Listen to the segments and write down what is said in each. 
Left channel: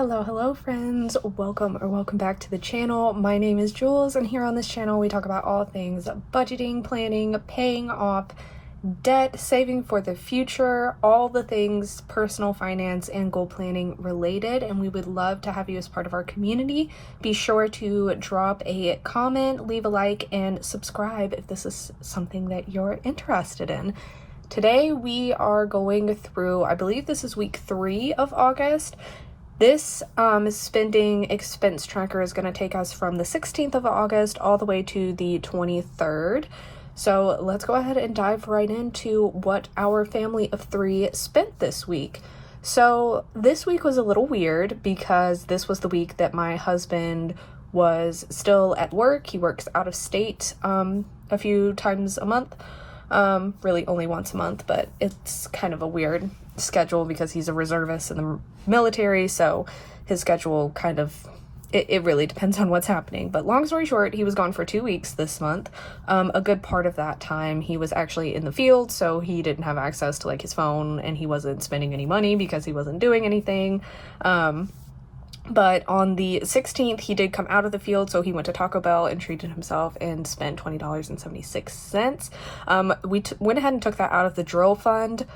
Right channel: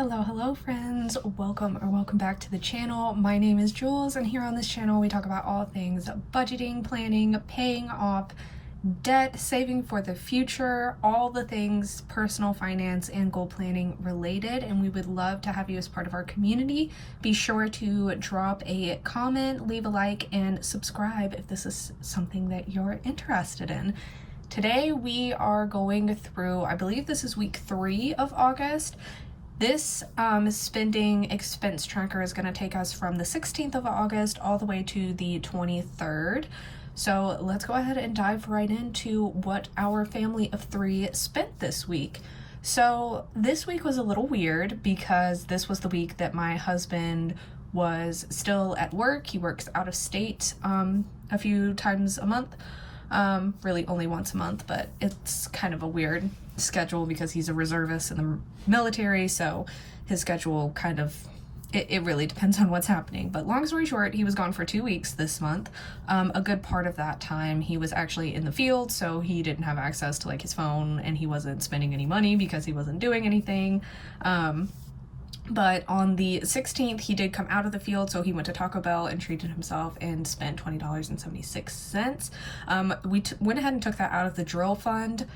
Hello friends, welcome back to the channel. My name is Jules, and here on this channel we talk about all things budgeting, planning, paying off debt, saving for the future, all the things personal finance and goal planning related, and we would love to have you as part of our community. Be sure to drop a comment, leave a like, and subscribe if this is something that you're interested in. Today we are going through, I believe this is week 3 of August. This spending expense tracker is going to take us from the 16th of August all the way to the 23rd. So let's go ahead and dive right into what our family of 3 spent this week. So this week was a little weird because this was the week that my husband was still at work. He works out of state a few times a month. Really only once a month, but it's kind of a weird schedule because he's a reservist in the military, so his schedule kind of, it really depends on what's happening. But long story short, he was gone for 2 weeks this month. A good part of that time he was actually in the field, so he didn't have access to like his phone, and he wasn't spending any money because he wasn't doing anything. But on the 16th, he did come out of the field, so he went to Taco Bell and treated himself and spent $20.76. We went ahead and took that out of the drill fund.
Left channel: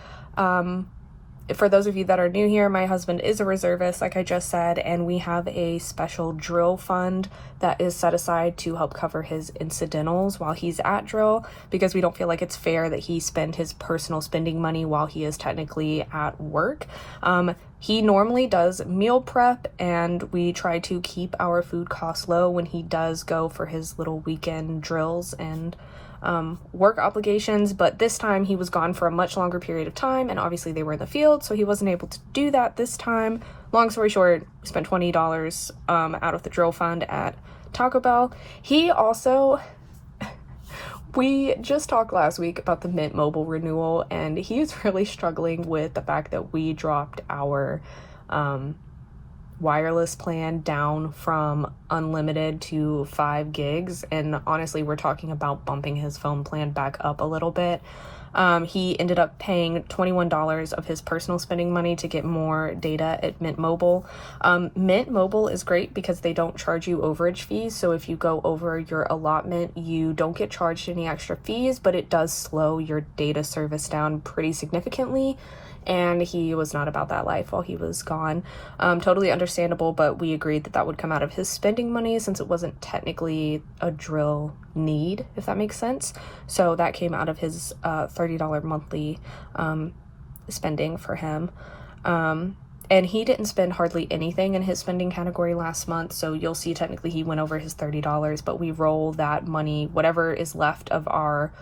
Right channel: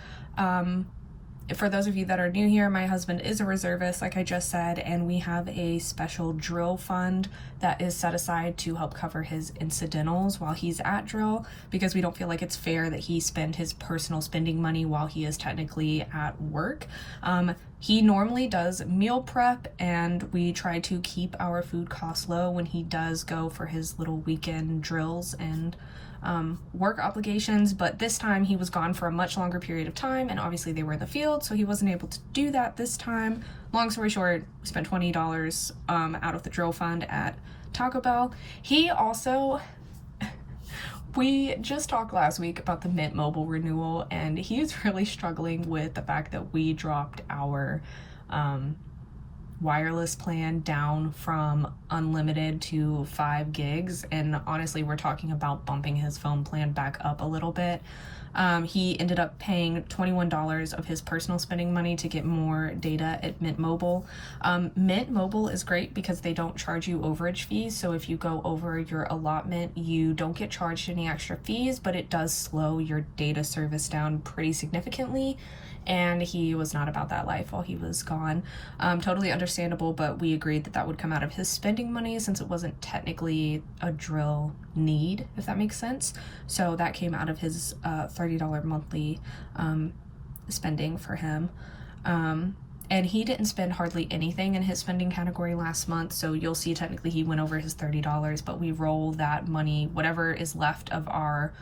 For those of you that are new here, my husband is a reservist, like I just said, and we have a special drill fund that is set aside to help cover his incidentals while he's at drill, because we don't feel like it's fair that he spend his personal spending money while he is technically at work. He normally does meal prep, and we try to keep our food costs low when he does go for his little weekend drills and work obligations, but this time he was gone for a much longer period of time, and obviously they were in the field, so he wasn't able to do that this time. Long story short, we spent $20 out of the drill fund at Taco Bell. He also, we just talked last week about the Mint Mobile renewal, and he's really struggling with the fact that we dropped our wireless plan down from unlimited to 5 gigs, and honestly we're talking about bumping his phone plan back up a little bit. He ended up paying $21 of his personal spending money to get more data at Mint Mobile. Mint Mobile is great because they don't charge you overage fees, so if you go over your allotment you don't get charged any extra fees, but it does slow your data service down pretty significantly, and he was not about that life while he was gone. Totally understandable, but we agreed that that would come out of his spending money since it wasn't technically a drill need, if that makes sense. So that came out of his $30 monthly spending for him. And he didn't spend hardly anything in his spending category last month, so you'll see technically he went over his $30, but we roll that money, whatever is left of our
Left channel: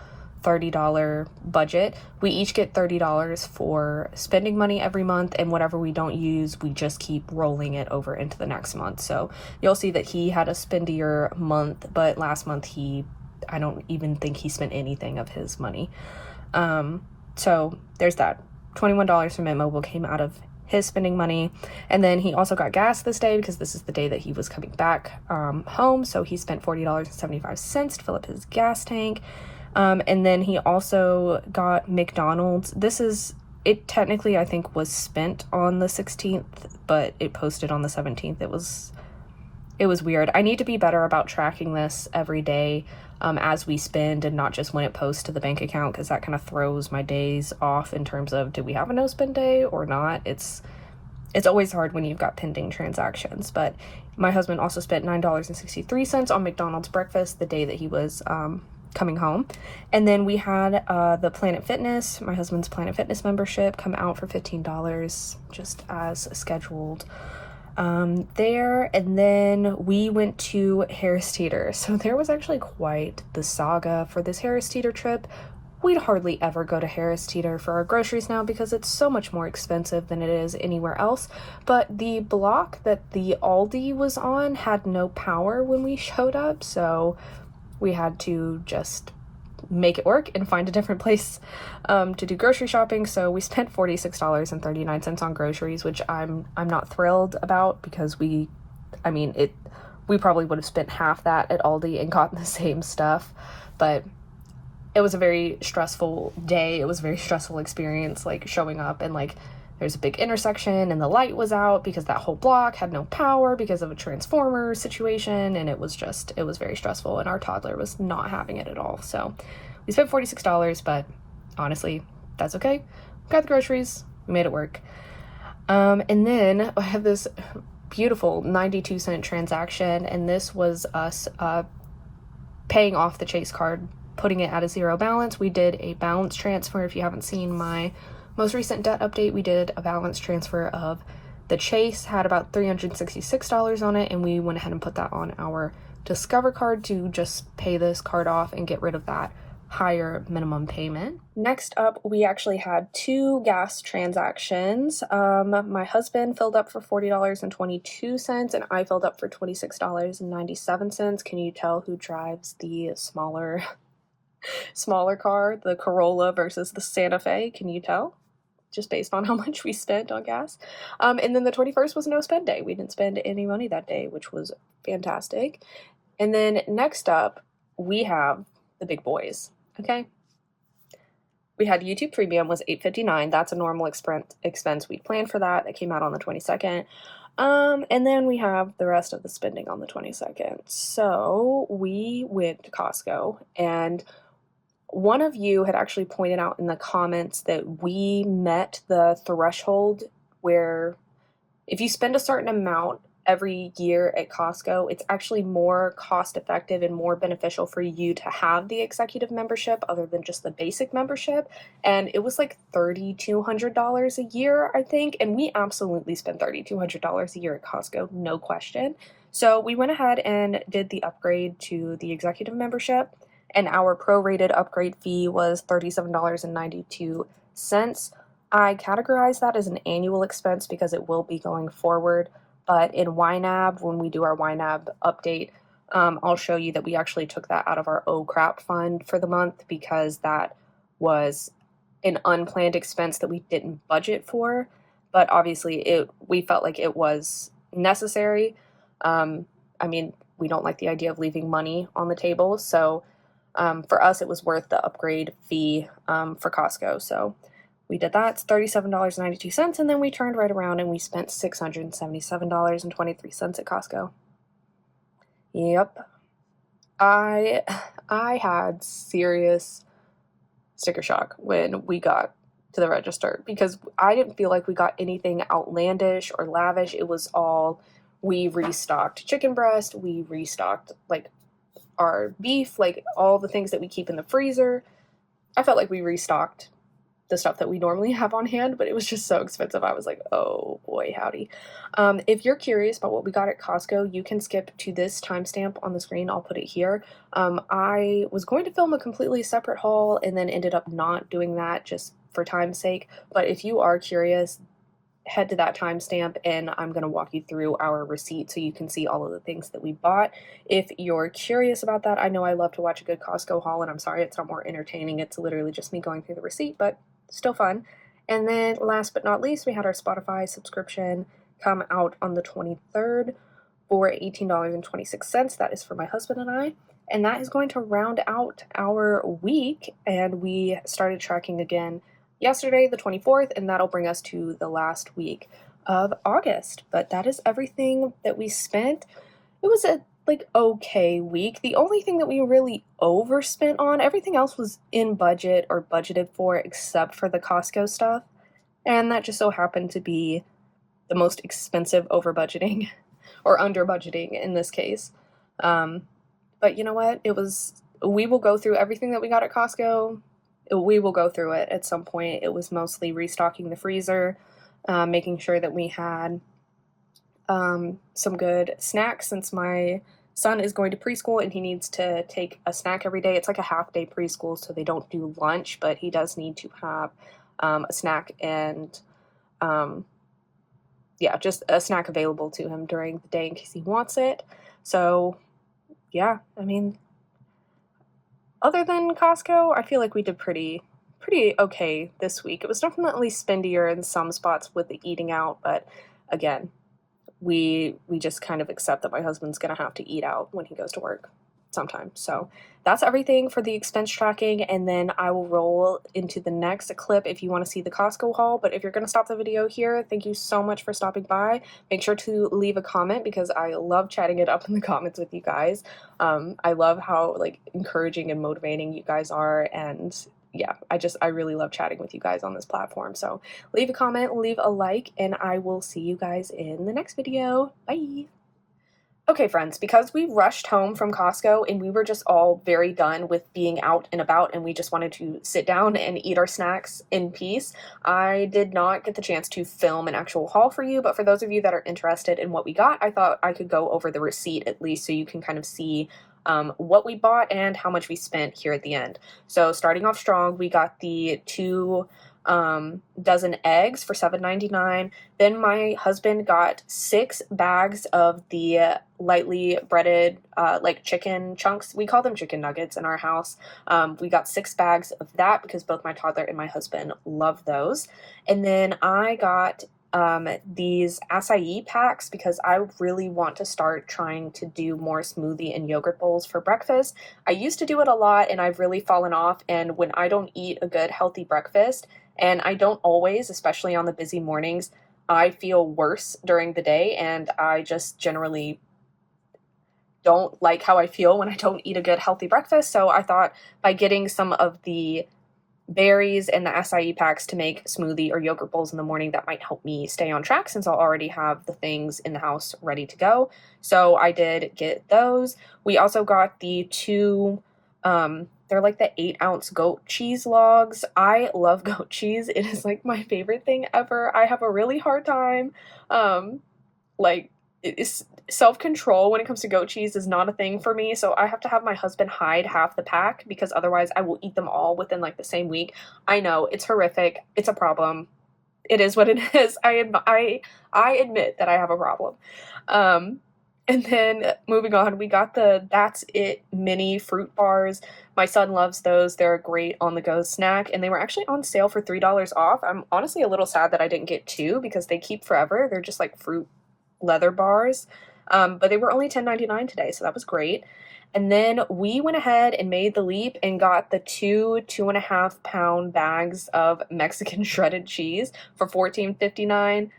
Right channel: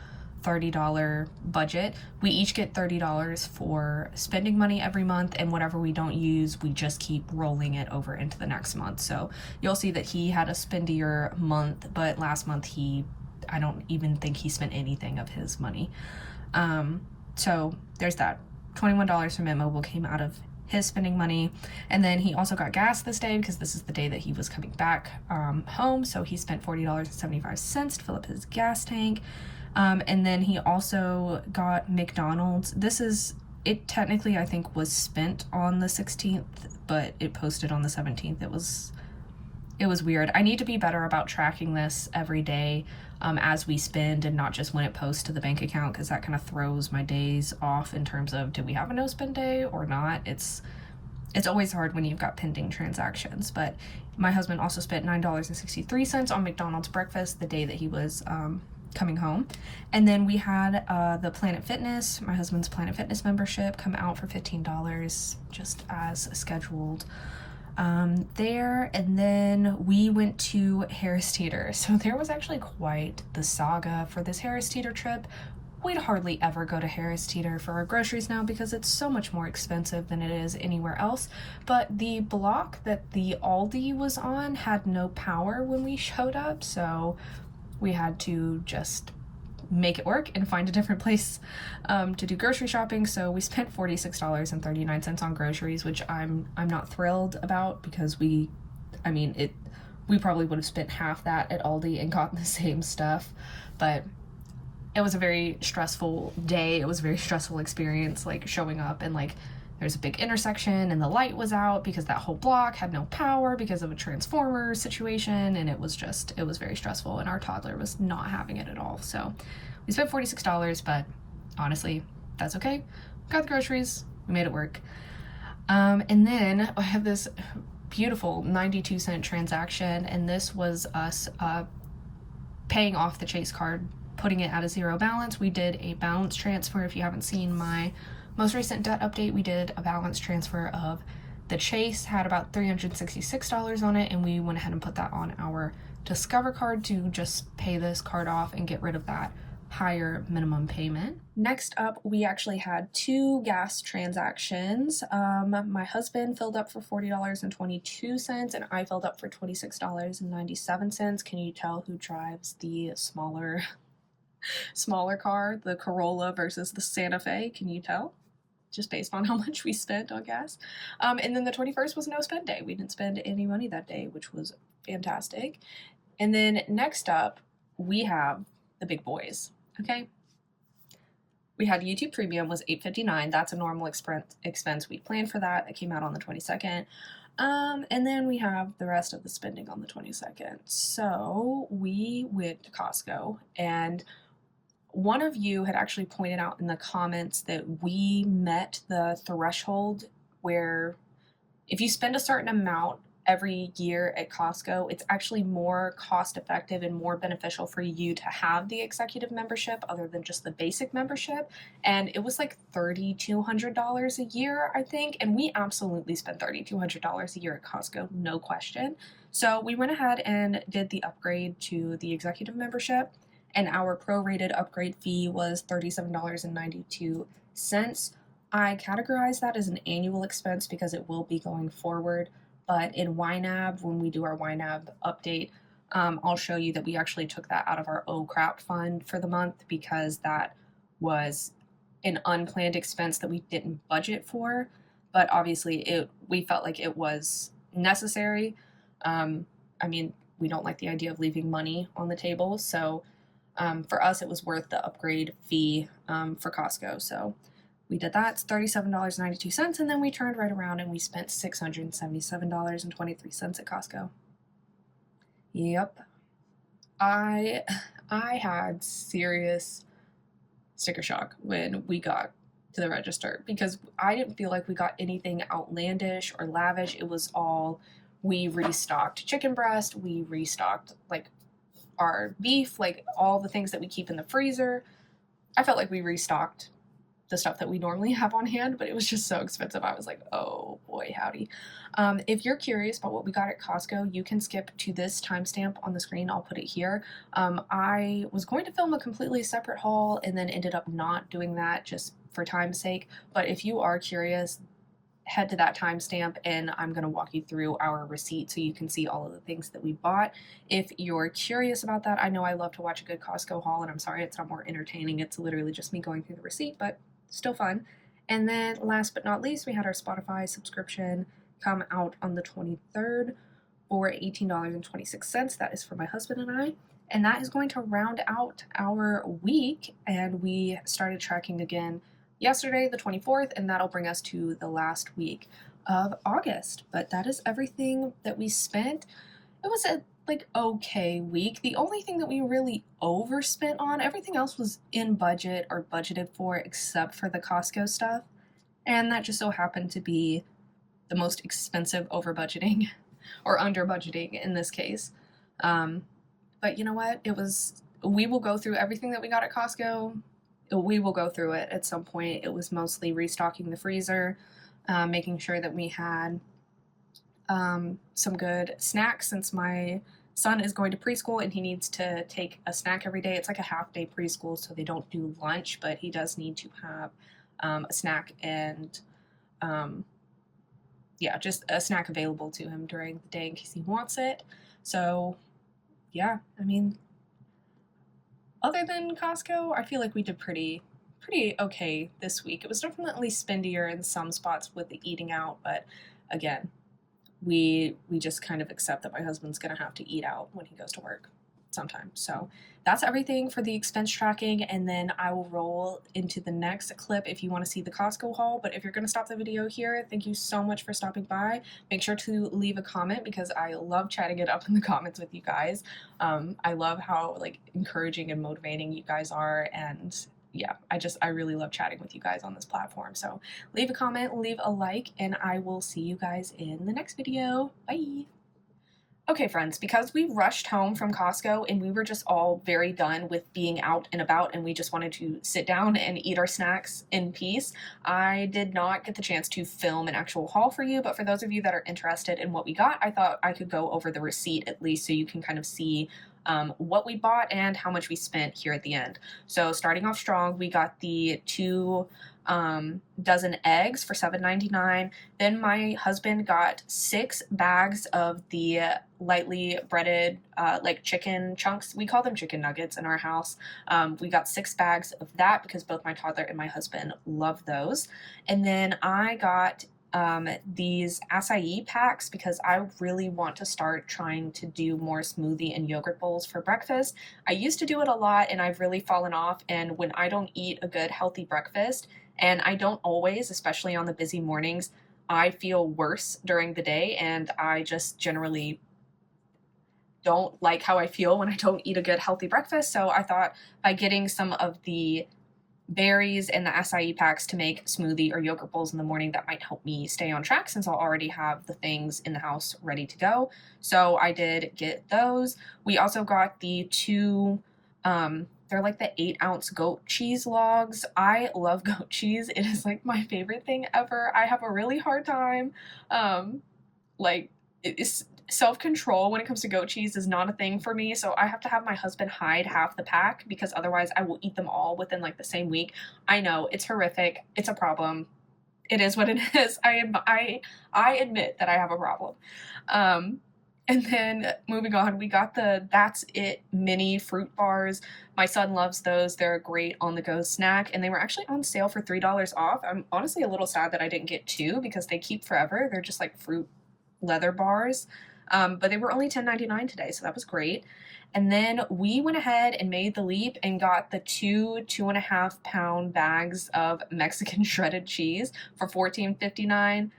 $30 budget, we each get $30 for spending money every month, and whatever we don't use we just keep rolling it over into the next month. So you'll see that he had a spendier month, but last month I don't even think he spent anything of his money. So there's that. $21 from Mint Mobile came out of his spending money, and then he also got gas this day because this is the day that he was coming back home, so he spent $40.75 to fill up his gas tank. And then he also got McDonald's. It technically I think was spent on the 16th, but it posted on the 17th. It was weird. I need to be better about tracking this every day as we spend, and not just when it posts to the bank account, because that kind of throws my days off in terms of, did we have a no spend day or not? It's always hard when you've got pending transactions. But my husband also spent $9.63 on McDonald's breakfast the day that he was coming home. And then we had the Planet Fitness, my husband's Planet Fitness membership, come out for $15 just as scheduled there. And then we went to Harris Teeter. So there was actually quite the saga for this Harris Teeter trip. We'd hardly ever go to Harris Teeter for our groceries now because it's so much more expensive than it is anywhere else. But the block that the Aldi was on had no power when we showed up, so we had to just make it work and find a different place to do grocery shopping. So we spent $46.39 on groceries, which I'm not thrilled about, because we probably would have spent half that at Aldi and gotten the same stuff. But it was a very stressful day. It was a very stressful experience, like showing up and like there's a big intersection and the light was out because that whole block had no power because of a transformer situation, and it was very stressful, and our toddler was not having it at all. So we spent $46, but honestly, that's okay. Got the groceries, we made it work. And then I have this beautiful 92-cent transaction, and this was us paying off the Chase card, putting it at a zero balance. We did a balance transfer. If you haven't seen my most recent debt update, we did a balance transfer of the Chase, had about $366 on it, and we went ahead and put that on our Discover card to just pay this card off and get rid of that higher minimum payment. Next up, we actually had 2 gas transactions. My husband filled up for $40.22, and I filled up for $26.97. Can you tell who drives the smaller car, the Corolla versus the Santa Fe? Can you tell? Just based on how much we spent on gas. And then the 21st was no spend day. We didn't spend any money that day, which was fantastic. And then next up, we have the big boys, okay? We had YouTube Premium was $8.59. That's a normal expense. We planned for that. That came out on the 22nd. And then we have the rest of the spending on the 22nd. So we went to Costco, and one of you had actually pointed out in the comments that we met the threshold where if you spend a certain amount every year at Costco, it's actually more cost effective and more beneficial for you to have the executive membership other than just the basic membership. And it was like $3,200 a year, I think. And we absolutely spent $3,200 a year at Costco, no question. So we went ahead and did the upgrade to the executive membership, and our prorated upgrade fee was $37.92. I categorize that as an annual expense because it will be going forward, but in YNAB, when we do our YNAB update, I'll show you that we actually took that out of our Oh Crap fund for the month because that was an unplanned expense that we didn't budget for, but obviously we felt like it was necessary. I mean, we don't like the idea of leaving money on the table, so for us, it was worth the upgrade fee for Costco. So we did that. It's $37.92, and then we turned right around and we spent $677.23 at Costco. Yep. I had serious sticker shock when we got to the register because I didn't feel like we got anything outlandish or lavish. It was all, we restocked chicken breast, we restocked like our beef, like all the things that we keep in the freezer. I felt like we restocked the stuff that we normally have on hand, but it was just so expensive. I was like, oh boy, howdy. If you're curious about what we got at Costco, you can skip to this timestamp on the screen. I'll put it here. I was going to film a completely separate haul and then ended up not doing that just for time's sake. But if you are curious, head to that timestamp and I'm going to walk you through our receipt so you can see all of the things that we bought. If you're curious about that, I know I love to watch a good Costco haul, and I'm sorry it's not more entertaining. It's literally just me going through the receipt, but still fun. And then last but not least, we had our Spotify subscription come out on the 23rd for $18.26. That is for my husband and I. And that is going to round out our week. And we started tracking again yesterday, the 24th, and that'll bring us to the last week of August. But that is everything that we spent. It was a okay week. The only thing that we really overspent on, everything else was in budget or budgeted for except for the Costco stuff. And that just so happened to be the most expensive over budgeting or under budgeting in this case. But you know what? We will go through everything that we got at Costco. We will go through it at some point. It was mostly restocking the freezer, making sure that we had some good snacks since my son is going to preschool and he needs to take a snack every day. It's like a half-day preschool, so they don't do lunch, but he does need to have a snack and just a snack available to him during the day in case he wants it. So yeah, I mean, other than Costco, I feel like we did pretty okay this week. It was definitely spendier in some spots with the eating out, but again, we just kind of accept that my husband's gonna have to eat out when he goes to work. sometime. So that's everything for the expense tracking, and then I will roll into the next clip if you want to see the Costco haul. But if you're going to stop the video here, thank you so much for stopping by. Make sure to leave a comment because I love chatting it up in the comments with you guys. I love how like encouraging and motivating you guys are, and yeah, I really love chatting with you guys on this platform. So leave a comment, leave a like, and I will see you guys in the next video. Bye! Okay, friends, because we rushed home from Costco and we were just all very done with being out and about and we just wanted to sit down and eat our snacks in peace, I did not get the chance to film an actual haul for you, but for those of you that are interested in what we got, I thought I could go over the receipt at least so you can kind of see what we bought and how much we spent here at the end. So starting off strong, we got the 2 dozen eggs for $7.99. Then my husband got 6 bags of the lightly breaded like chicken chunks. We call them chicken nuggets in our house. We got 6 bags of that because both my toddler and my husband love those. And then I got these acai packs because I really want to start trying to do more smoothie and yogurt bowls for breakfast. I used to do it a lot and I've really fallen off, and when I don't eat a good healthy breakfast, and I don't always, especially on the busy mornings, I feel worse during the day, and I just generally don't like how I feel when I don't eat a good healthy breakfast. So I thought by getting some of the berries and the acai packs to make smoothie or yogurt bowls in the morning, that might help me stay on track since I'll already have the things in the house ready to go. So I did get those. We also got the 2 they're like the 8-ounce goat cheese logs. I love goat cheese. It is like my favorite thing ever. I have a really hard time like self-control when it comes to goat cheese is not a thing for me, so I have to have my husband hide half the pack because otherwise I will eat them all within like the same week. I know, it's horrific. It's a problem. It is what it is. I admit that I have a problem. And then moving on, we got the That's It mini fruit bars. My son loves those. They're a great on-the-go snack, and they were actually on sale for $3 off. I'm honestly a little sad that I didn't get 2 because they keep forever. They're just like fruit leather bars, but they were only $10.99 today, so that was great. And then we went ahead and made the leap and got the 2.5-pound bags of Mexican shredded cheese for $14.59.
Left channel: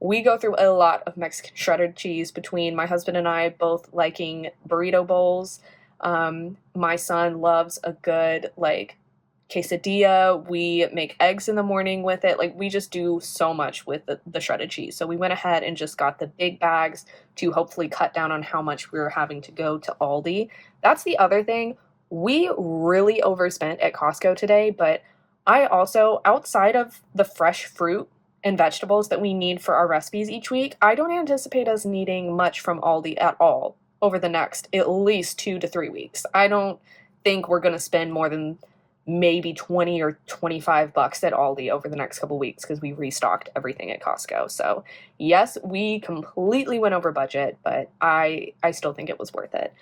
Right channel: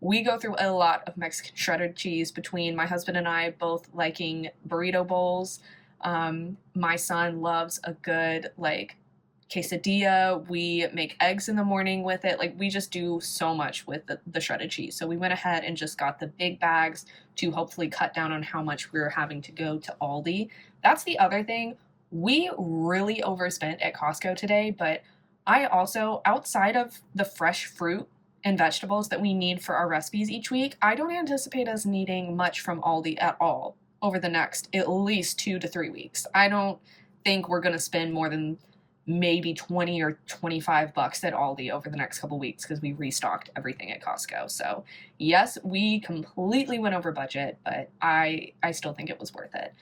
We go through a lot of Mexican shredded cheese between my husband and I, both liking burrito bowls. My son loves a good like quesadilla. We make eggs in the morning with it. Like, we just do so much with the shredded cheese. So we went ahead and just got the big bags to hopefully cut down on how much we were having to go to Aldi. That's the other thing. We really overspent at Costco today, but I also, outside of the fresh fruit and vegetables that we need for our recipes each week, I don't anticipate us needing much from Aldi at all over the next at least 2 to 3 weeks. I don't think we're going to spend more than maybe 20 or 25 bucks at Aldi over the next couple weeks because we restocked everything at Costco. So yes, we completely went over budget, but I still think it was worth it.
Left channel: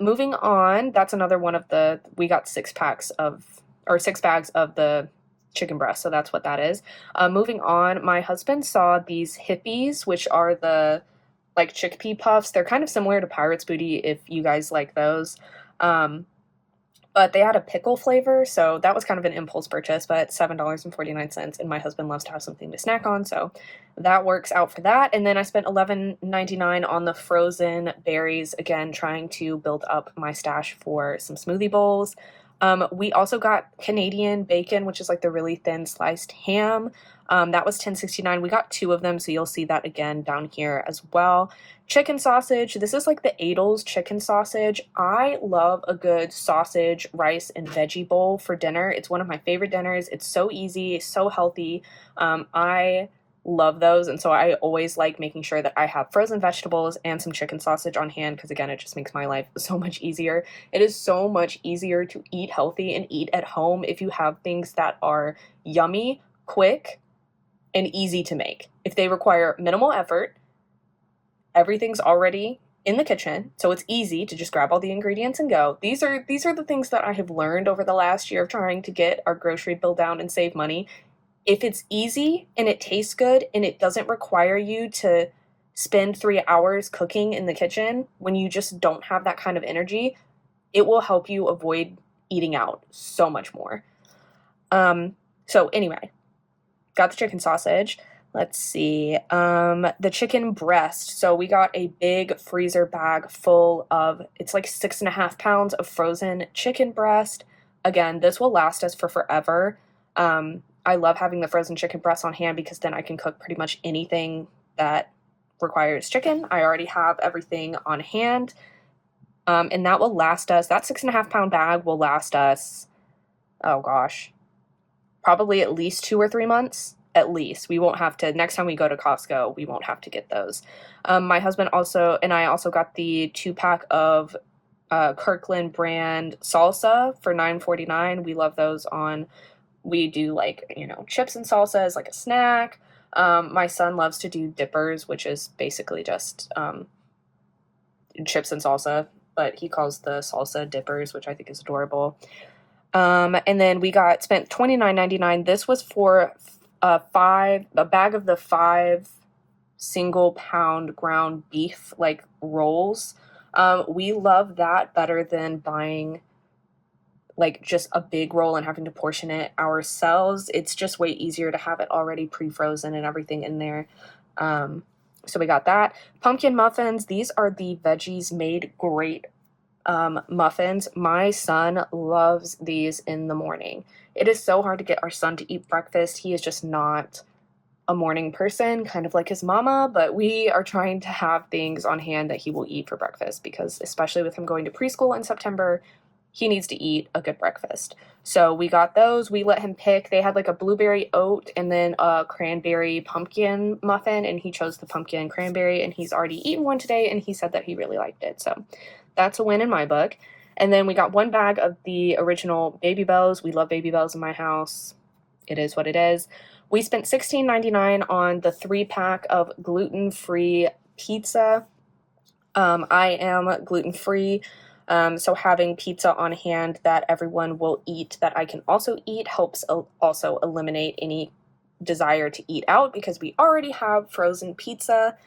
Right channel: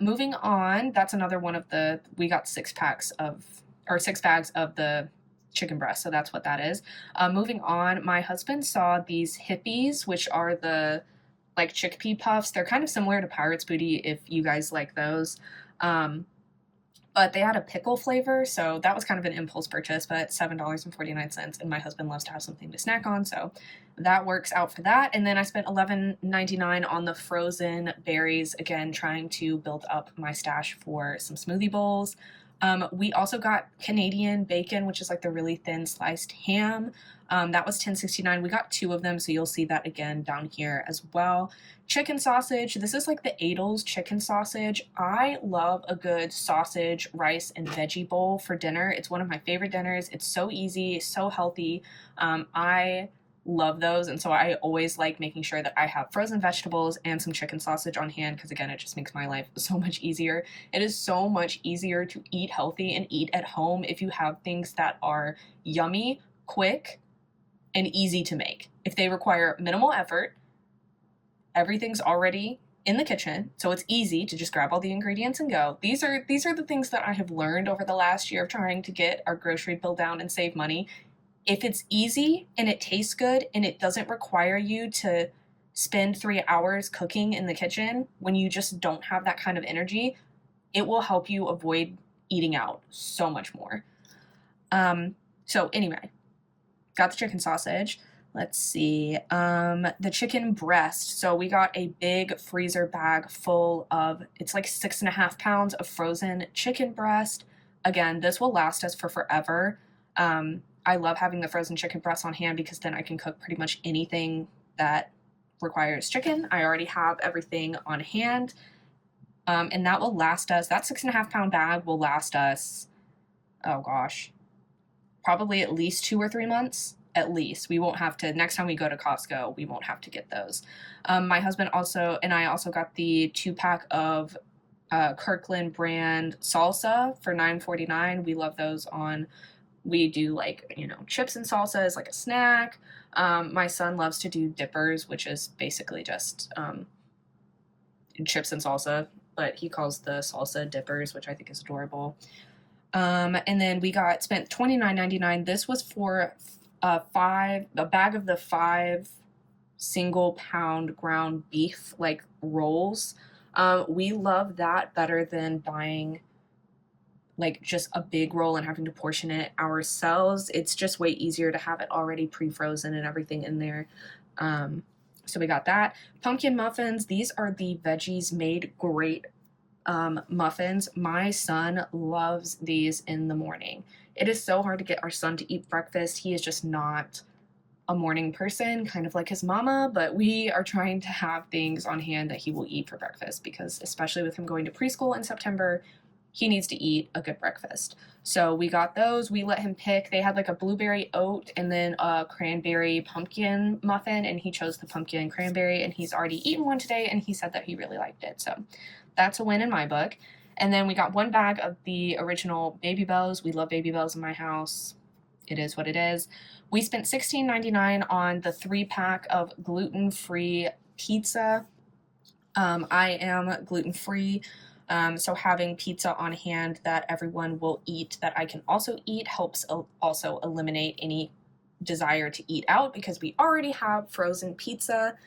Moving on, that's another one of the, we got 6 bags of the chicken breast, so that's what that is. Moving on, my husband saw these hippies, which are the like chickpea puffs. They're kind of similar to Pirate's Booty if you guys like those. But they had a pickle flavor, so that was kind of an impulse purchase, but $7.49, and my husband loves to have something to snack on, so that works out for that. And then I spent $11.99 on the frozen berries, again, trying to build up my stash for some smoothie bowls. We also got Canadian bacon, which is like the really thin sliced ham. That was $10.69. We got 2 of them, so you'll see that again down here as well. Chicken sausage. This is like the Adel's chicken sausage. I love a good sausage, rice, and veggie bowl for dinner. It's one of my favorite dinners. It's so easy, so healthy. I love those, and so I always like making sure that I have frozen vegetables and some chicken sausage on hand because, again, it just makes my life so much easier. It is so much easier to eat healthy and eat at home if you have things that are yummy, quick, and easy to make. If they require minimal effort, everything's already in the kitchen, so it's easy to just grab all the ingredients and go. These are the things that I have learned over the last year of trying to get our grocery bill down and save money. If it's easy and it tastes good and it doesn't require you to spend 3 hours cooking in the kitchen when you just don't have that kind of energy, it will help you avoid eating out so much more. So anyway, got the chicken sausage. Let's see. The chicken breast. So we got a big freezer bag full of, it's like 6.5 pounds of frozen chicken breast. Again, this will last us for forever. I love having the frozen chicken breast on hand because then I can cook pretty much anything that requires chicken. I already have everything on hand. And that will last us, that 6.5 pound bag will last us, oh gosh, probably at least 2 or 3 months. At least. We won't have to, next time we go to Costco, we won't have to get those. My husband also, and I also got the 2-pack of Kirkland brand salsa for $9.49. We love those on, we do like, you know, chips and salsa as like a snack. My son loves to do dippers, which is basically just chips and salsa, but he calls the salsa dippers, which I think is adorable. And then we spent $29.99. This was for a bag of the 5 single pound ground beef like rolls. We love that better than buying like just a big roll and having to portion it ourselves. It's just way easier to have it already pre-frozen and everything in there. So we got that. Pumpkin muffins. These are the Veggies Made Great muffins. My son loves these in the morning. It is so hard to get our son to eat breakfast. He is just not a morning person, kind of like his mama, but we are trying to have things on hand that he will eat for breakfast because especially with him going to preschool in September, he needs to eat a good breakfast. So we got those. We let him pick. They had like a blueberry oat and then a cranberry pumpkin muffin, and he chose the pumpkin cranberry, and he's already eaten one today, and he said that he really liked it. So that's a win in my book. And then we got 1 bag of the original Baby Bells. We love Baby Bells in my house. It is what it is. We spent $16.99 on the 3-pack of gluten-free pizza. I am gluten-free, so having pizza on hand that everyone will eat, that I can also eat, helps also eliminate any desire to eat out because we already have frozen pizza.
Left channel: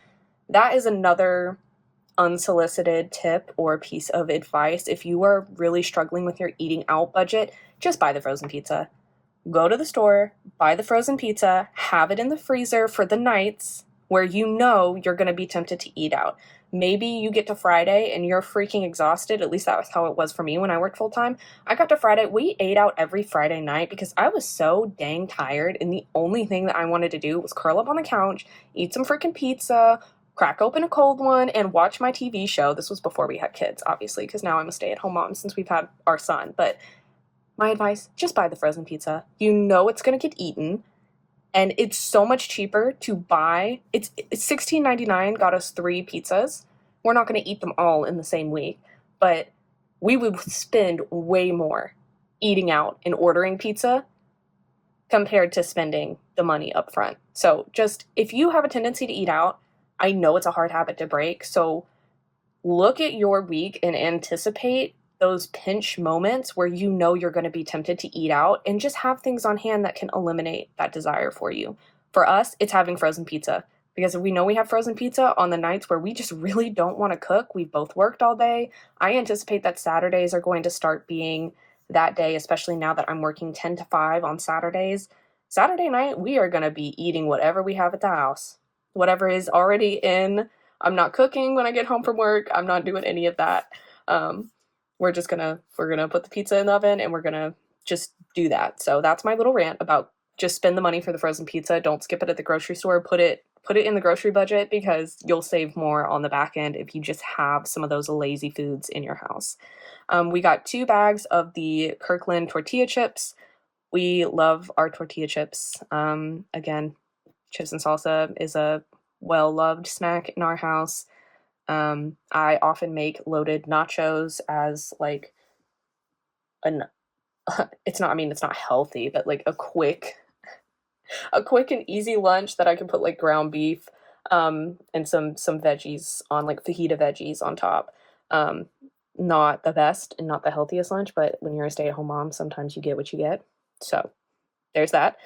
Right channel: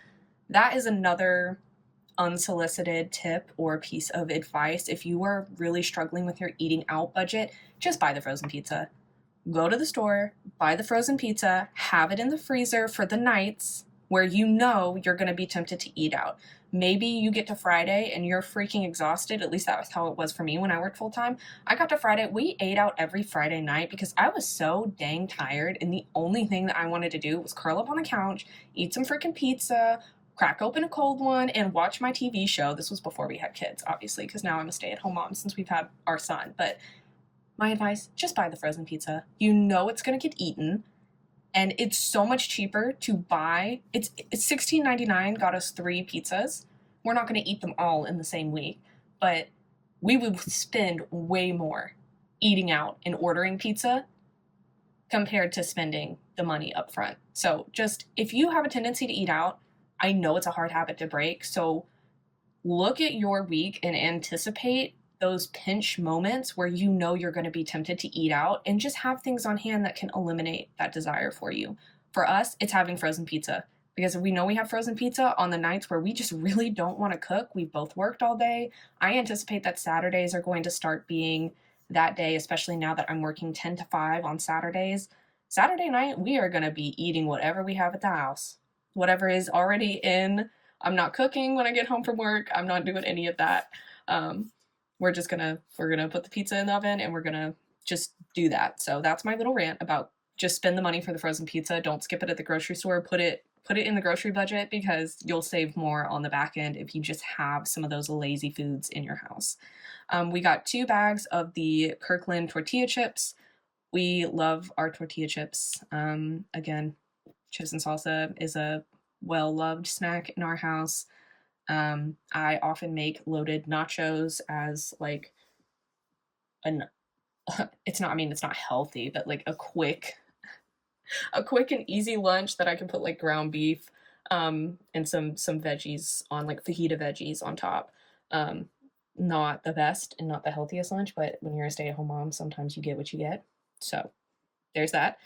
That is another unsolicited tip or piece of advice. If you are really struggling with your eating out budget, just buy the frozen pizza. Go to the store, buy the frozen pizza, have it in the freezer for the nights where you know you're going to be tempted to eat out. Maybe you get to Friday and you're freaking exhausted. At least that was how it was for me when I worked full time. I got to Friday. We ate out every Friday night because I was so dang tired, and the only thing that I wanted to do was curl up on the couch, eat some freaking pizza, crack open a cold one, and watch my TV show. This was before we had kids, obviously, because now I'm a stay-at-home mom since we've had our son. But my advice, just buy the frozen pizza. You know it's going to get eaten, and it's so much cheaper to buy. It's $16.99, got us 3 pizzas. We're not going to eat them all in the same week, but we would spend way more eating out and ordering pizza compared to spending the money up front. So just, if you have a tendency to eat out, I know it's a hard habit to break, so look at your week and anticipate those pinch moments where you know you're going to be tempted to eat out, and just have things on hand that can eliminate that desire for you. For us, it's having frozen pizza, because we know we have frozen pizza on the nights where we just really don't want to cook. We've both worked all day. I anticipate that Saturdays are going to start being that day, especially now that I'm working 10 to 5 on Saturdays. Saturday night, we are going to be eating whatever we have at the house. Whatever is already in. I'm not cooking when I get home from work. I'm not doing any of that. We're gonna put the pizza in the oven, and we're gonna just do that. So that's my little rant about just spend the money for the frozen pizza. Don't skip it at the grocery store. Put it in the grocery budget, because you'll save more on the back end if you just have some of those lazy foods in your house. We got 2 bags of the Kirkland tortilla chips. We love our tortilla chips. Again, chips and salsa is a well-loved snack in our house. I often make loaded nachos as like it's not healthy, but like a quick and easy lunch that I can put like ground beef, and some veggies on, like fajita veggies on top. Not the best and not the healthiest lunch, but when you're a stay-at-home mom, sometimes you get what you get. So there's that.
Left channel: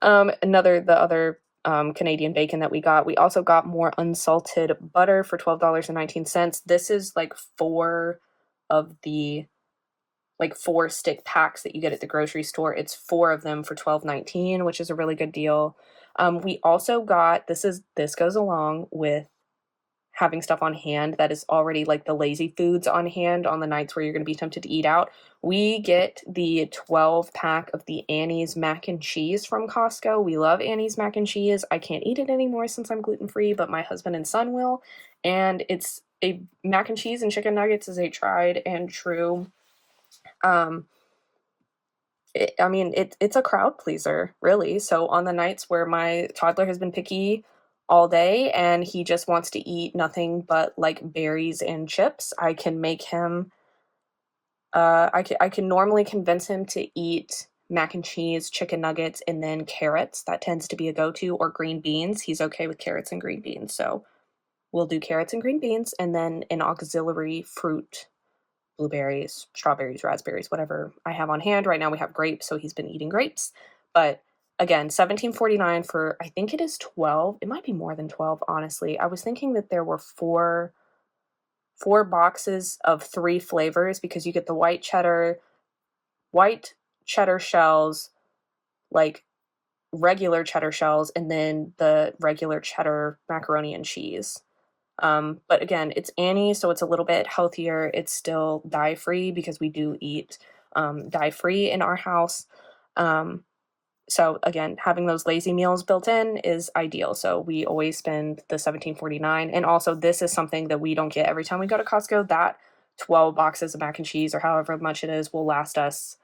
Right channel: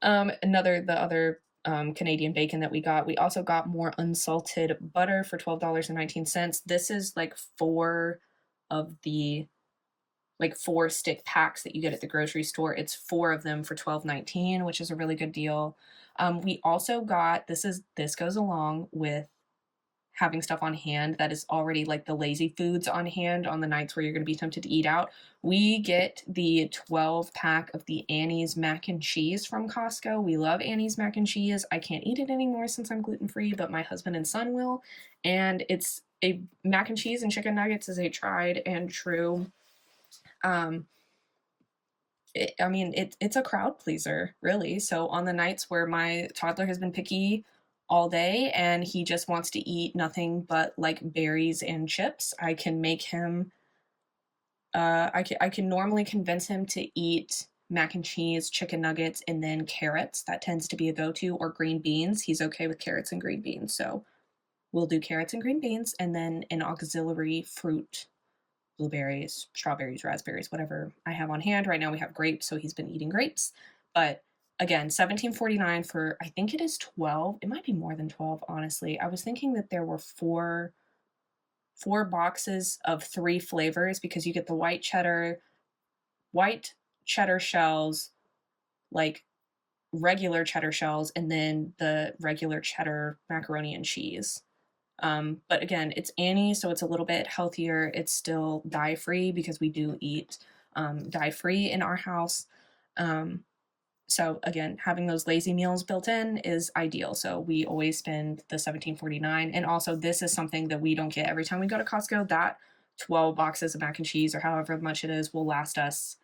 The other Canadian bacon that we also got more unsalted butter for $12.19. This is like 4 of the like 4 stick packs that you get at the grocery store. It's 4 of them for $12.19, which is a really good deal. We also got, this goes along with having stuff on hand that is already like the lazy foods on hand on the nights where you're going to be tempted to eat out. We get the 12 pack of the Annie's mac and cheese from Costco. We love Annie's mac and cheese. I can't eat it anymore since I'm gluten free, but my husband and son will. And it's a mac and cheese and chicken nuggets is a tried and true. It's a crowd pleaser, really. So on the nights where my toddler has been picky all day and he just wants to eat nothing but like berries and chips, I can make him I can normally convince him to eat mac and cheese, chicken nuggets, and then carrots. That tends to be a go-to, or green beans. He's okay with carrots and green beans. So we'll do carrots and green beans and then an auxiliary fruit, blueberries, strawberries, raspberries, whatever I have on hand. Right now we have grapes, so he's been eating grapes. But again, $17.49 for, I think it is 12. It might be more than 12, honestly. I was thinking that there were four boxes of 3 flavors, because you get the white cheddar shells, like regular cheddar shells, and then the regular cheddar macaroni and cheese. But again, it's Annie, so it's a little bit healthier. It's still dye-free because we do eat dye-free in our house. So again, having those lazy meals built in is ideal. So we always spend the $17.49. And also, this is something that we don't get every time we go to Costco. That 12 boxes of mac and cheese, or however much it is, will last us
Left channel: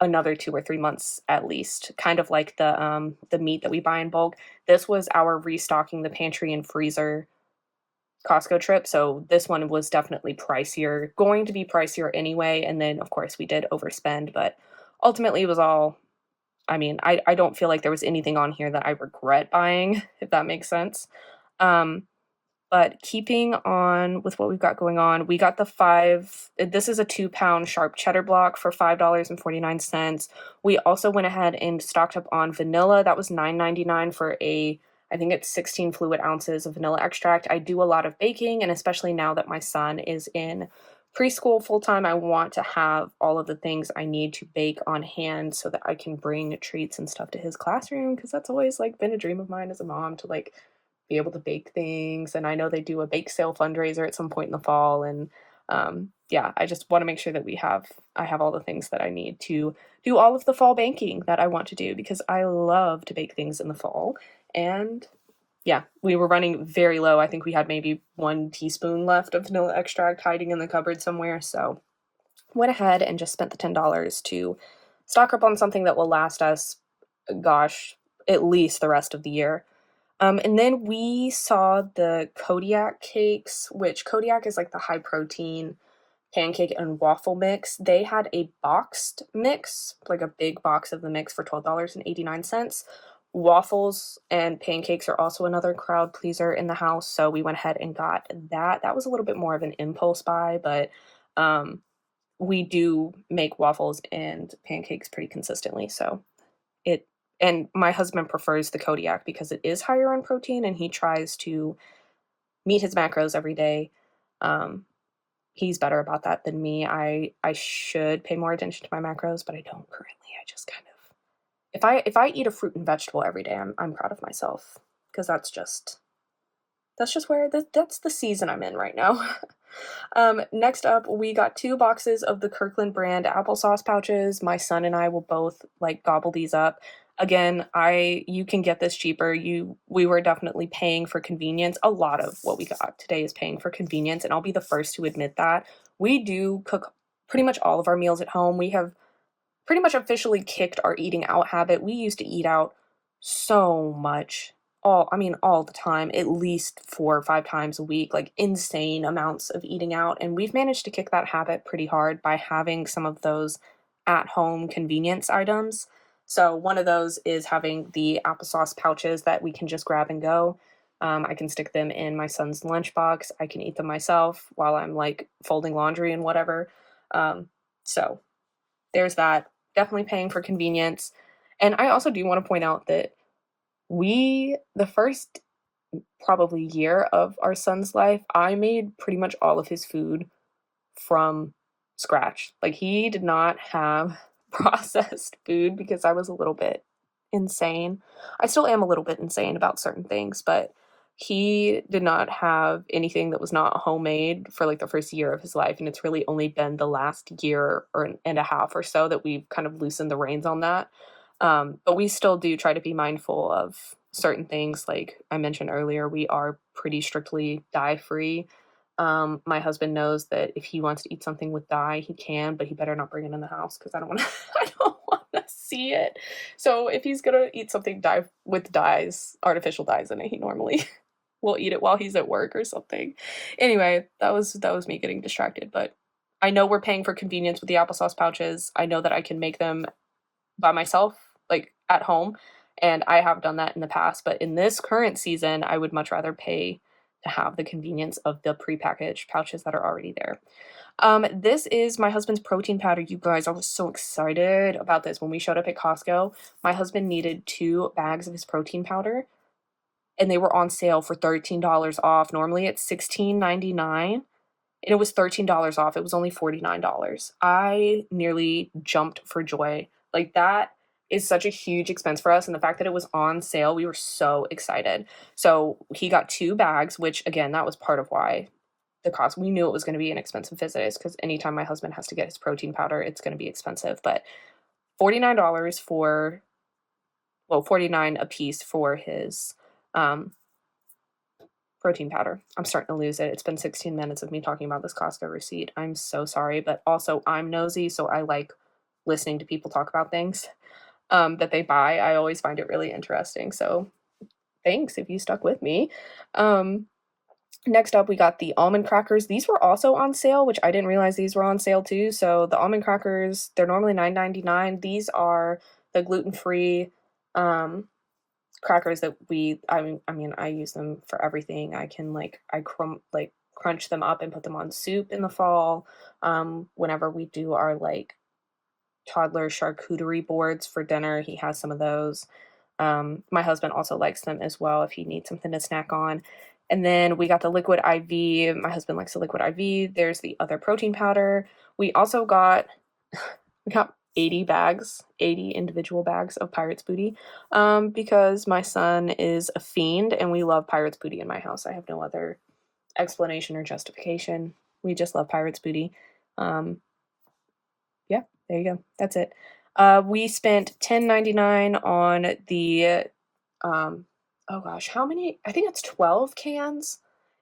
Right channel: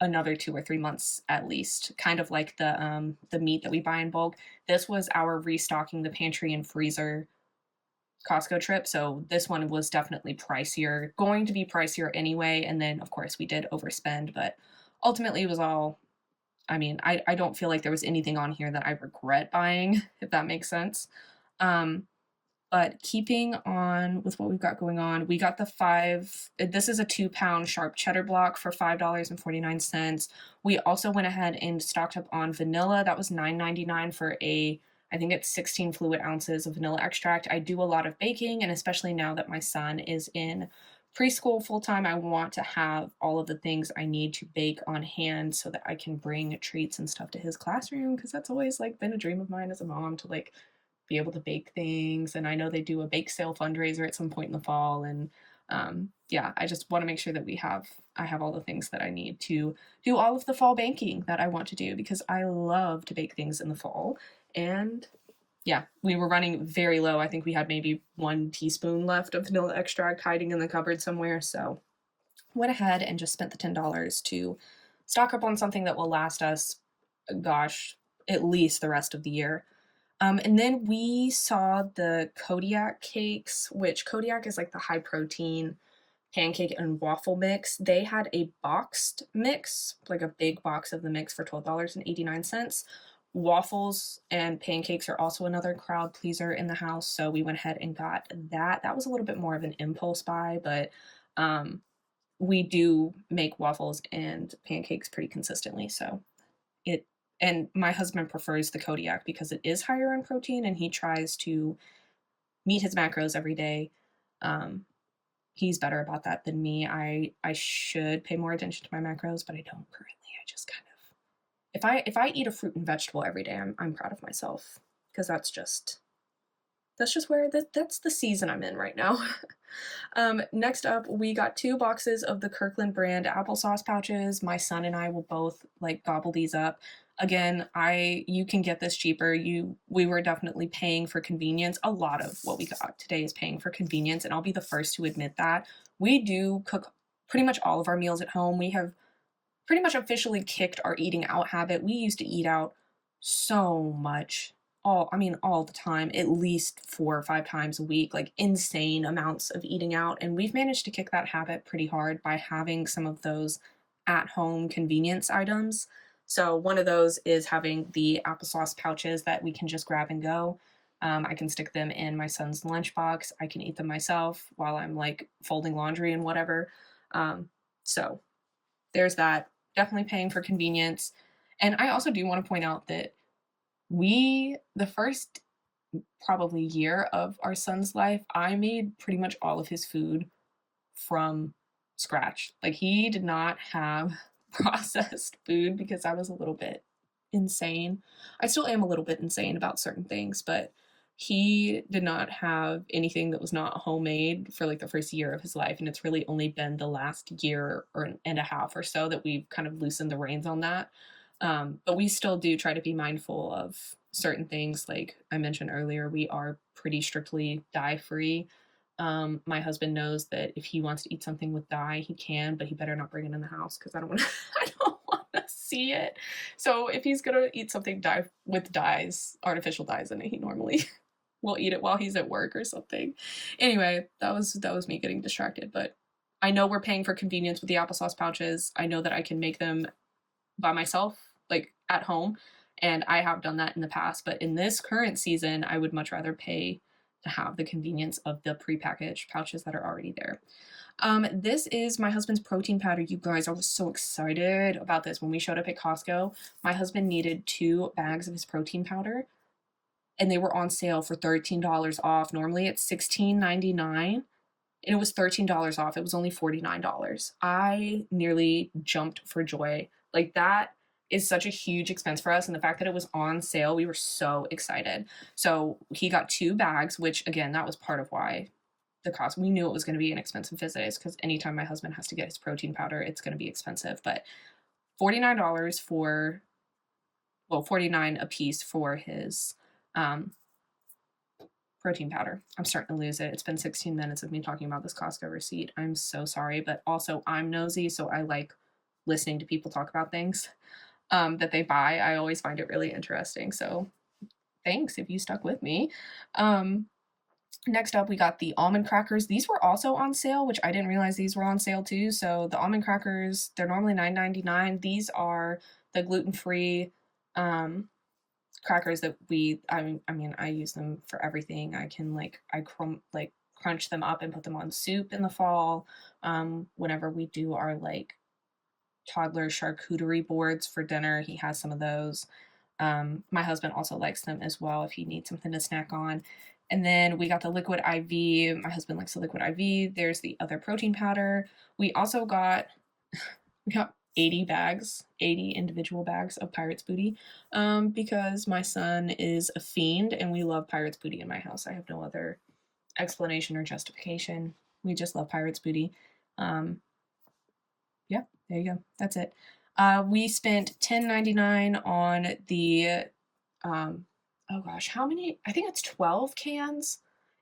another 2 or 3 months at least. Kind of like the meat that we buy in bulk. This was our restocking the pantry and freezer Costco trip, so this one was definitely pricier, going to be pricier anyway, and then of course we did overspend, but ultimately it was all, I don't feel like there was anything on here that I regret buying, if that makes sense. But keeping on with what we've got going on, we got this is a 2-pound sharp cheddar block for $5.49. We also went ahead and stocked up on vanilla. That was $9.99 for I think it's 16 fluid ounces of vanilla extract. I do a lot of baking, and especially now that my son is in preschool full-time, I want to have all of the things I need to bake on hand so that I can bring treats and stuff to his classroom, because that's always like been a dream of mine as a mom, to like be able to bake things. And I know they do a bake sale fundraiser at some point in the fall, and yeah, I just want to make sure that I have all the things that I need to do all of the fall baking that I want to do, because I love to bake things in the fall. And yeah, we were running very low. I think we had maybe 1 teaspoon left of vanilla extract hiding in the cupboard somewhere. So went ahead and just spent the $10 to stock up on something that will last us, gosh, at least the rest of the year. And then we saw the Kodiak cakes, which Kodiak is like the high protein pancake and waffle mix. They had a boxed mix, like a big box of the mix, for $12.89. Waffles and pancakes are also another crowd pleaser in the house, so we went ahead and got that. That was a little bit more of an impulse buy, but we do make waffles and pancakes pretty consistently, so and my husband prefers the Kodiak because it is higher in protein, and he tries to meet his macros every day. He's better about that than me. I should pay more attention to my macros, but I don't currently. I just kind of, if I eat a fruit and vegetable every day, I'm proud of myself, because that's just where that's the season I'm in right now. Next up, we got 2 boxes of the Kirkland brand applesauce pouches. My son and I will both like gobble these up. Again, you can get this cheaper. We were definitely paying for convenience. A lot of what we got today is paying for convenience, and I'll be the first to admit that. We do cook pretty much all of our meals at home. We have pretty much officially kicked our eating out habit. We used to eat out so much, all the time, at least 4 or 5 times a week, like insane amounts of eating out. And we've managed to kick that habit pretty hard by having some of those at-home convenience items. So one of those is having the applesauce pouches that we can just grab and go. I can stick them in my son's lunchbox. I can eat them myself while I'm like folding laundry and whatever. So there's that. Definitely paying for convenience. And I also do want to point out that the first probably year of our son's life, I made pretty much all of his food from scratch. Like, he did not have processed food because I was a little bit insane. I still am a little bit insane about certain things, but he did not have anything that was not homemade for like the first year of his life. And it's really only been the last year and a half or so that we've kind of loosened the reins on that. But we still do try to be mindful of certain things. Like I mentioned earlier, we are pretty strictly dye free. My husband knows that if he wants to eat something with dye, he can, but he better not bring it in the house because I don't want to. I don't want to see it. So if he's gonna eat something with dyes, artificial dyes in it, he normally will eat it while he's at work or something. Anyway, that was me getting distracted. But I know we're paying for convenience with the applesauce pouches. I know that I can make them by myself, like at home, and I have done that in the past. But in this current season, I would much rather pay to have the convenience of the prepackaged pouches that are already there. This is my husband's protein powder. You guys, I was so excited about this when we showed up at Costco. My husband needed 2 bags of his protein powder, and they were on sale for $13 off. Normally it's $16.99, and it was $13 off. It was only $49. I nearly jumped for joy. Like, that is such a huge expense for us, and the fact that it was on sale, we were so excited. So he got 2 bags, which again, that was part of why the cost. We knew it was going to be an expensive visit, is because anytime my husband has to get his protein powder, it's going to be expensive. But $49 for, well, 49 a piece for his protein powder. I'm starting to lose it. It's been 16 minutes of me talking about this Costco receipt. I'm so sorry, but also I'm nosy, so I like listening to people talk about things that they buy. I always find it really interesting. So thanks if you stuck with me. Next up, we got the almond crackers. These were also on sale, which I didn't realize these were on sale too. So the almond crackers, they're normally $9.99. These are the gluten-free crackers that I use them for everything. I can crunch them up and put them on soup in the fall. Whenever we do our like toddler charcuterie boards for dinner, he has some of those. My husband also likes them as well if he needs something to snack on. And then we got the liquid IV. My husband likes the liquid IV. There's the other protein powder. We also got 80 individual bags of Pirate's Booty, because my son is a fiend and we love Pirate's Booty in my house. I have no other explanation or justification. We just love Pirate's Booty. Yeah, there you go. That's it. We spent $10.99 on the, oh gosh, how many? I think it's 12 cans.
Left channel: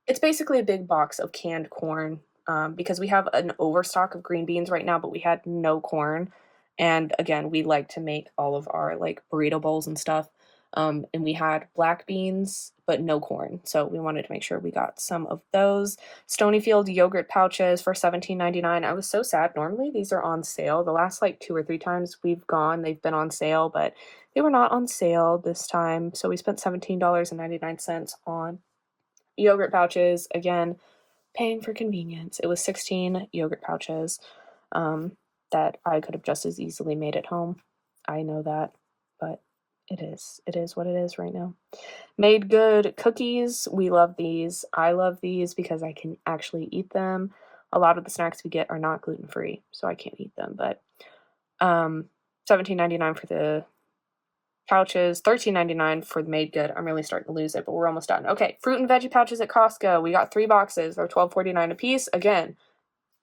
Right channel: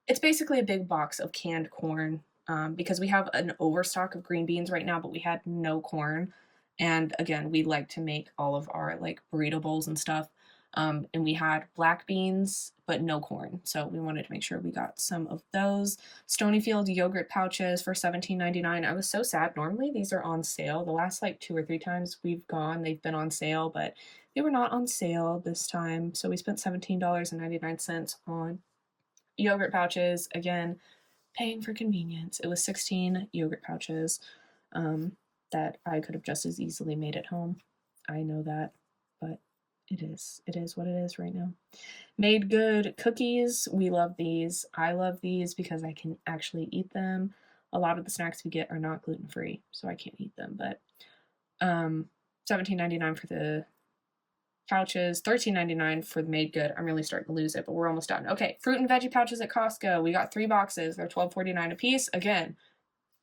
It's basically a big box of canned corn, because we have an overstock of green beans right now, but we had no corn. And again, we like to make all of our like burrito bowls and stuff. And we had black beans, but no corn. So we wanted to make sure we got some of those. Stonyfield yogurt pouches for $17.99. I was so sad. Normally these are on sale. The last like 2 or 3 times we've gone, they've been on sale, but they were not on sale this time. So we spent $17.99 on yogurt pouches. Again, paying for convenience. It was 16 yogurt pouches that I could have just as easily made at home. I know that, but it is what it is right now. Made Good cookies. We love these. I love these because I can actually eat them. A lot of the snacks we get are not gluten-free, so I can't eat them. But $17.99 for the pouches, $13.99 for the Made Good. I'm really starting to lose it, but we're almost done. Okay, fruit and veggie pouches at Costco. We got 3 boxes. They're $12.49 a piece. Again,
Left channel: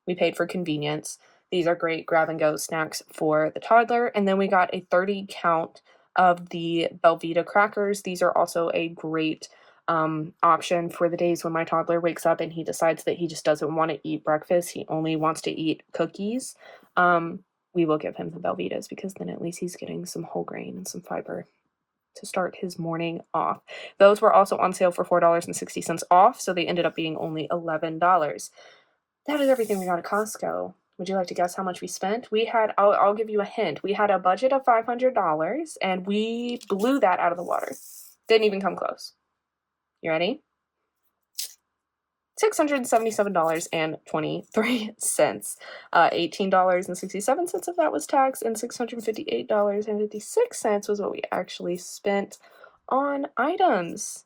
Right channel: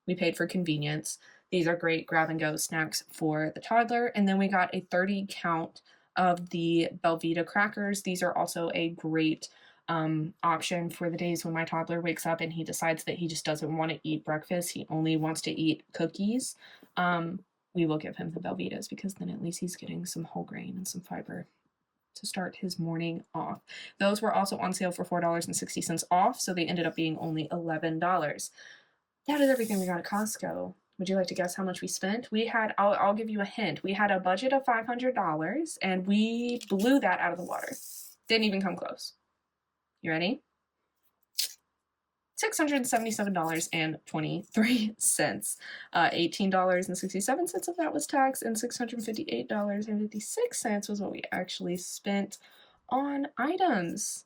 we paid for convenience. These are great grab-and-go snacks for the toddler. And then we got a 30 count of the Belvita crackers. These are also a great option for the days when my toddler wakes up and he decides that he just doesn't want to eat breakfast. He only wants to eat cookies. We will give him the Belvitas because then at least he's getting some whole grain and some fiber to start his morning off. Those were also on sale for $4.60 off, so they ended up being only $11. That is everything we got at Costco. Would you like to guess how much we spent? I'll give you a hint. We had a budget of $500 and we blew that out of the water. Didn't even come close. You ready? $677.23. $18.67 of that was tax, and $658.56 was what we actually spent on items.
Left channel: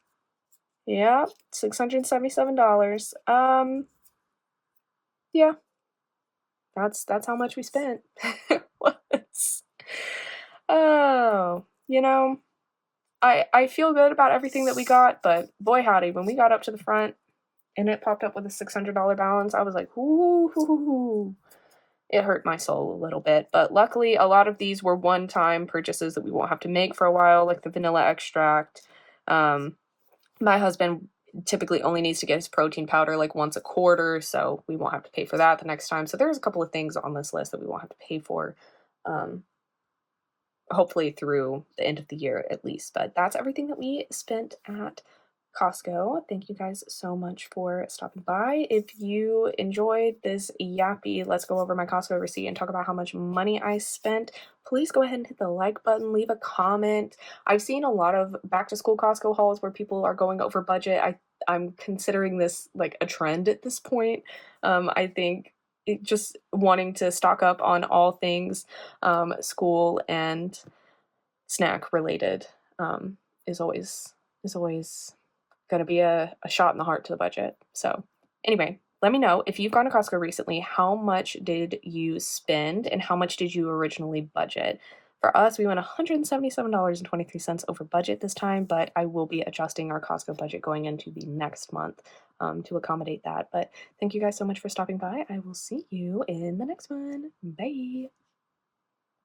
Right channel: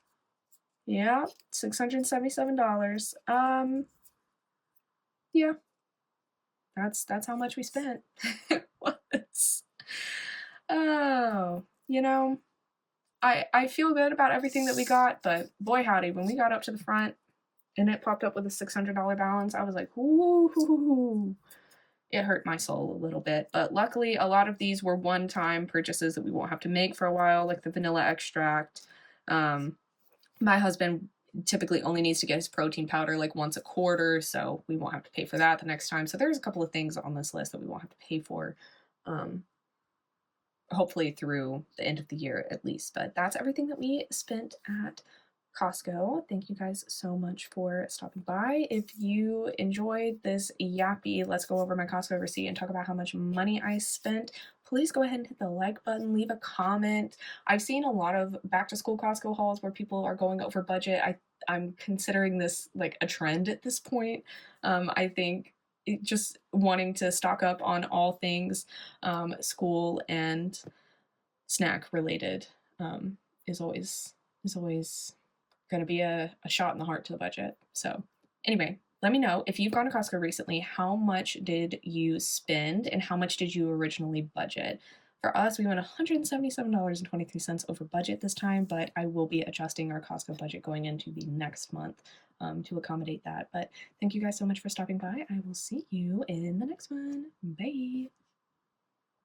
Yeah, $677. Yeah. That's how much we spent. Was. Oh, I feel good about everything that we got, but boy howdy, when we got up to the front and it popped up with a $600 balance, I was like, ooh, it hurt my soul a little bit. But luckily, a lot of these were one-time purchases that we won't have to make for a while, like the vanilla extract. My husband typically only needs to get his protein powder like once a quarter, so we won't have to pay for that the next time. So there's a couple of things on this list that we won't have to pay for. Hopefully through the end of the year at least. But that's everything that we spent at Costco. Thank you guys so much for stopping by. If you enjoyed this yappy, let's go over my Costco receipt and talk about how much money I spent, please go ahead and hit the like button, leave a comment. I've seen a lot of back to school Costco hauls where people are going over budget. I'm considering this like a trend at this point. I think just wanting to stock up on all things school and snack related is always going to be a shot in the heart to the budget. So anyway, let me know if you've gone to Costco recently, how much did you spend and how much did you originally budget? For us, we went $177.23 over budget this time, but I will be adjusting our Costco budget going into the next month to accommodate that. But thank you guys so much for stopping by. I will see you in the next one. Bye.